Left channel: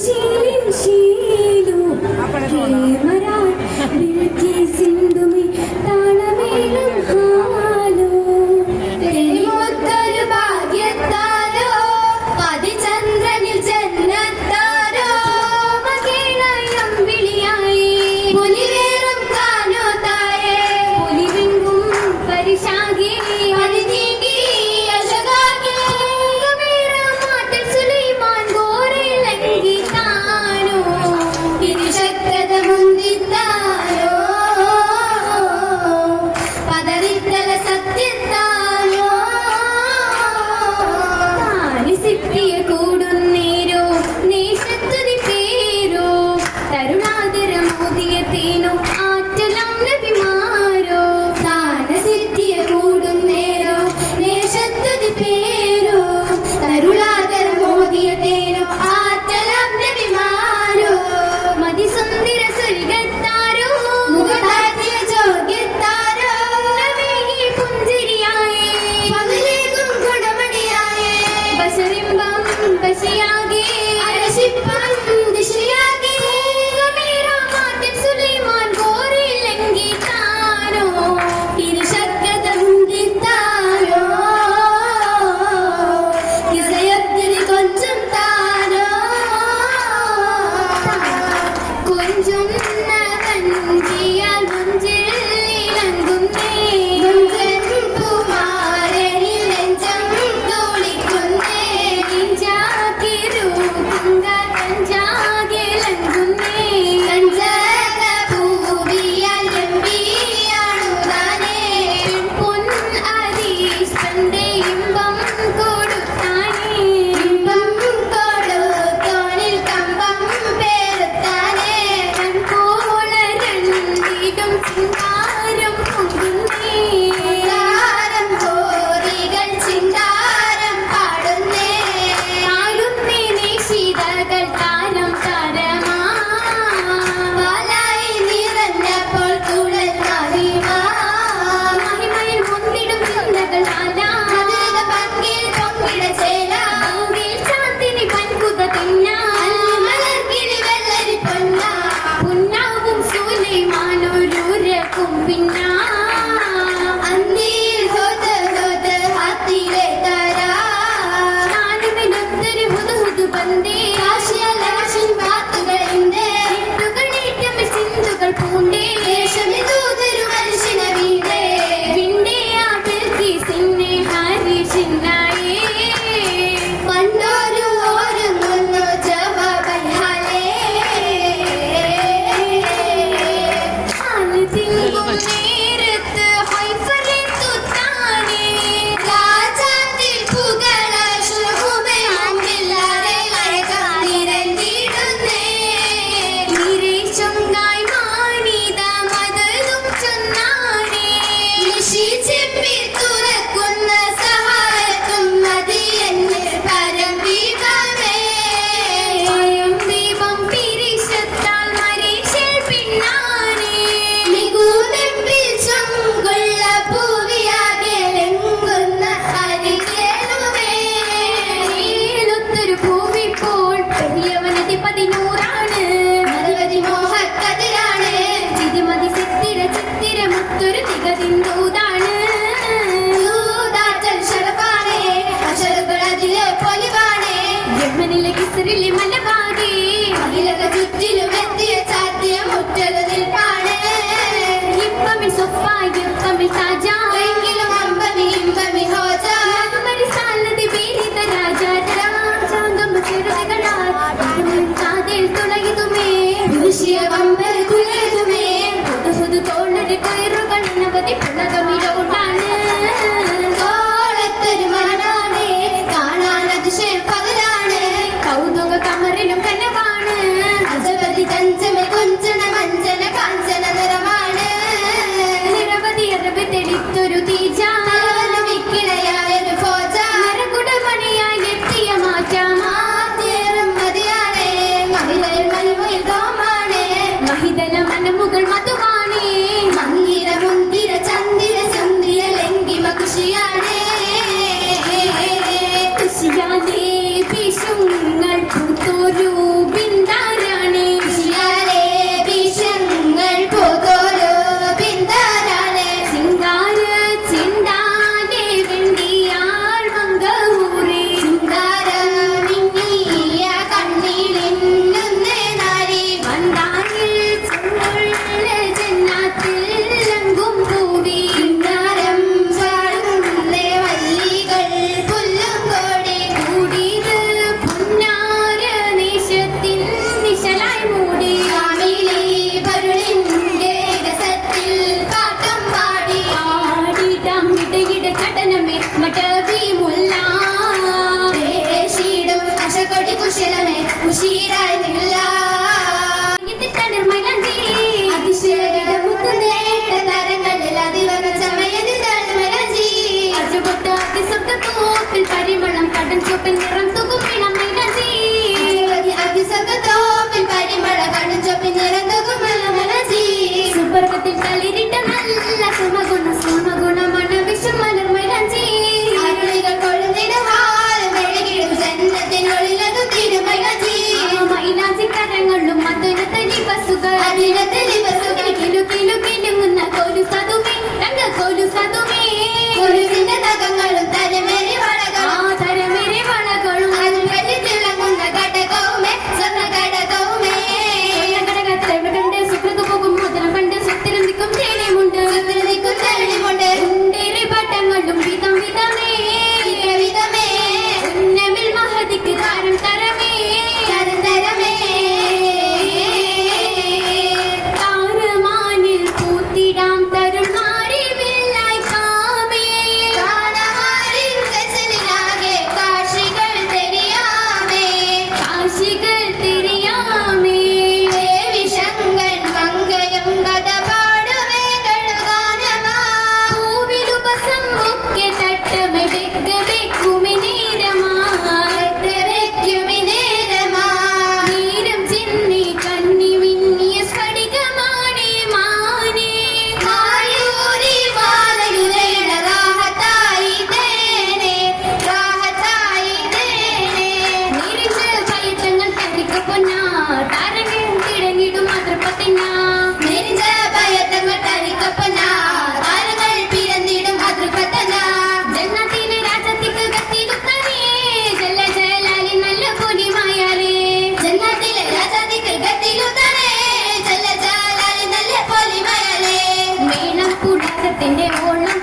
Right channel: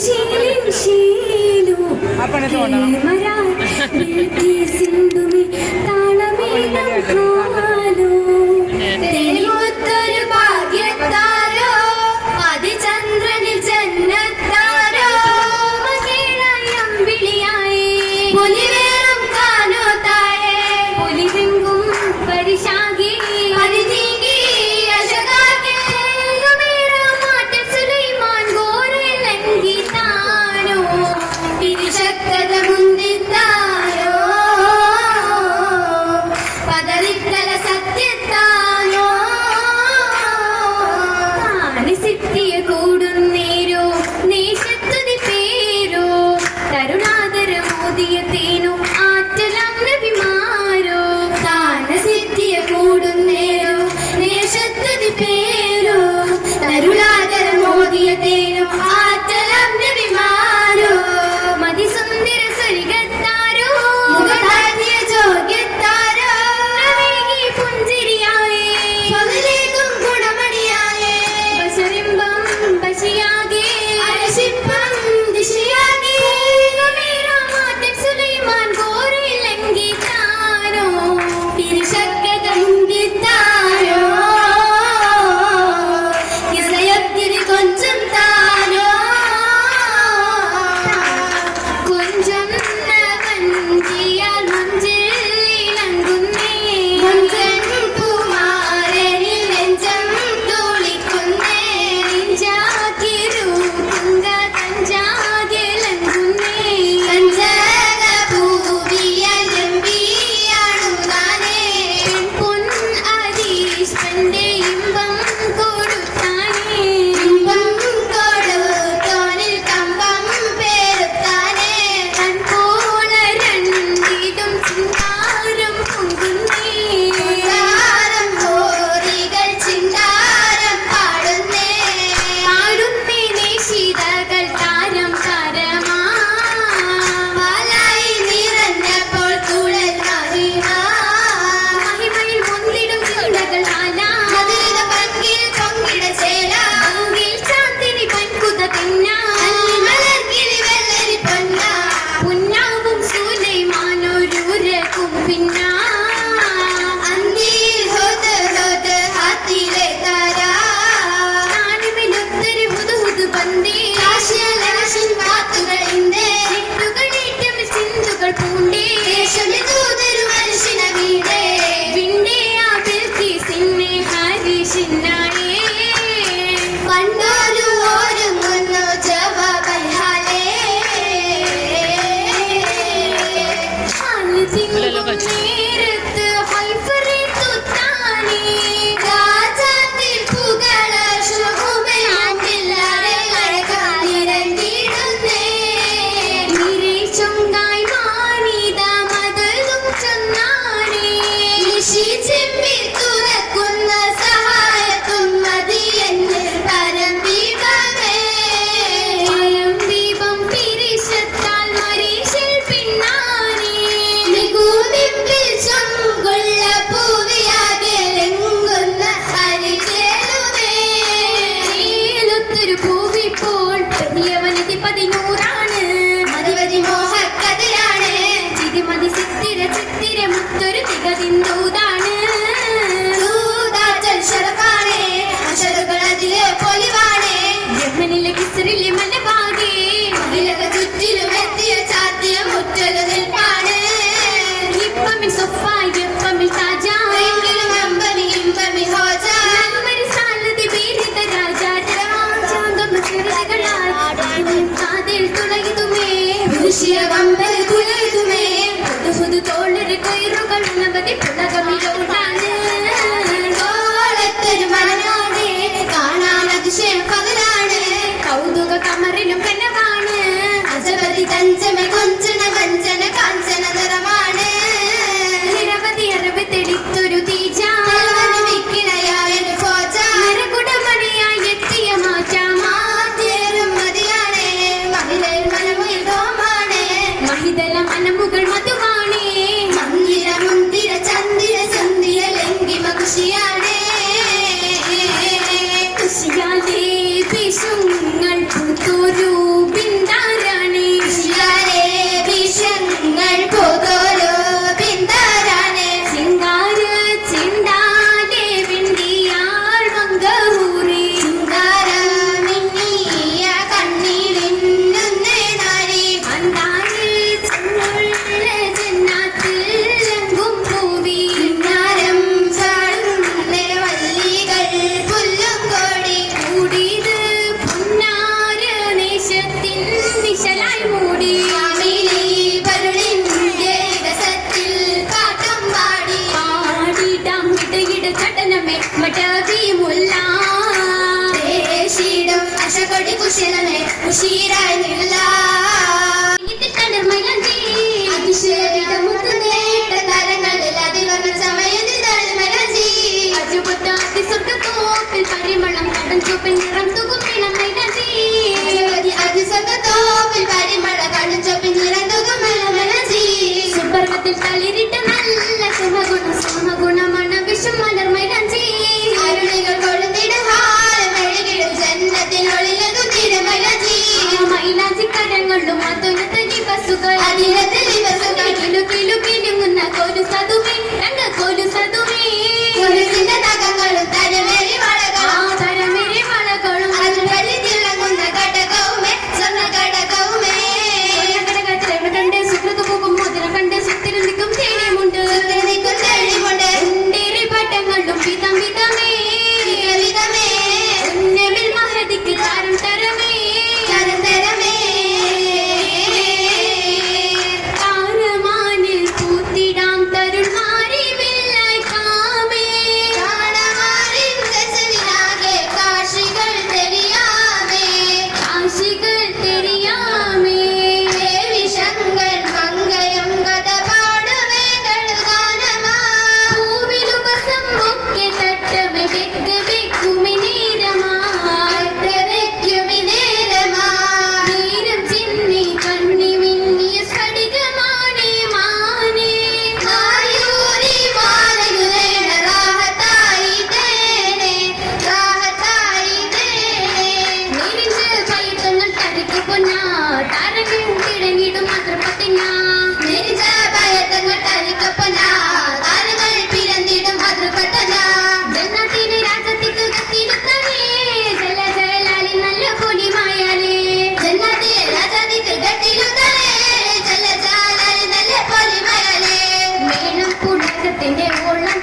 സിന്ധുമി മാനസിത്തിയ tenemos las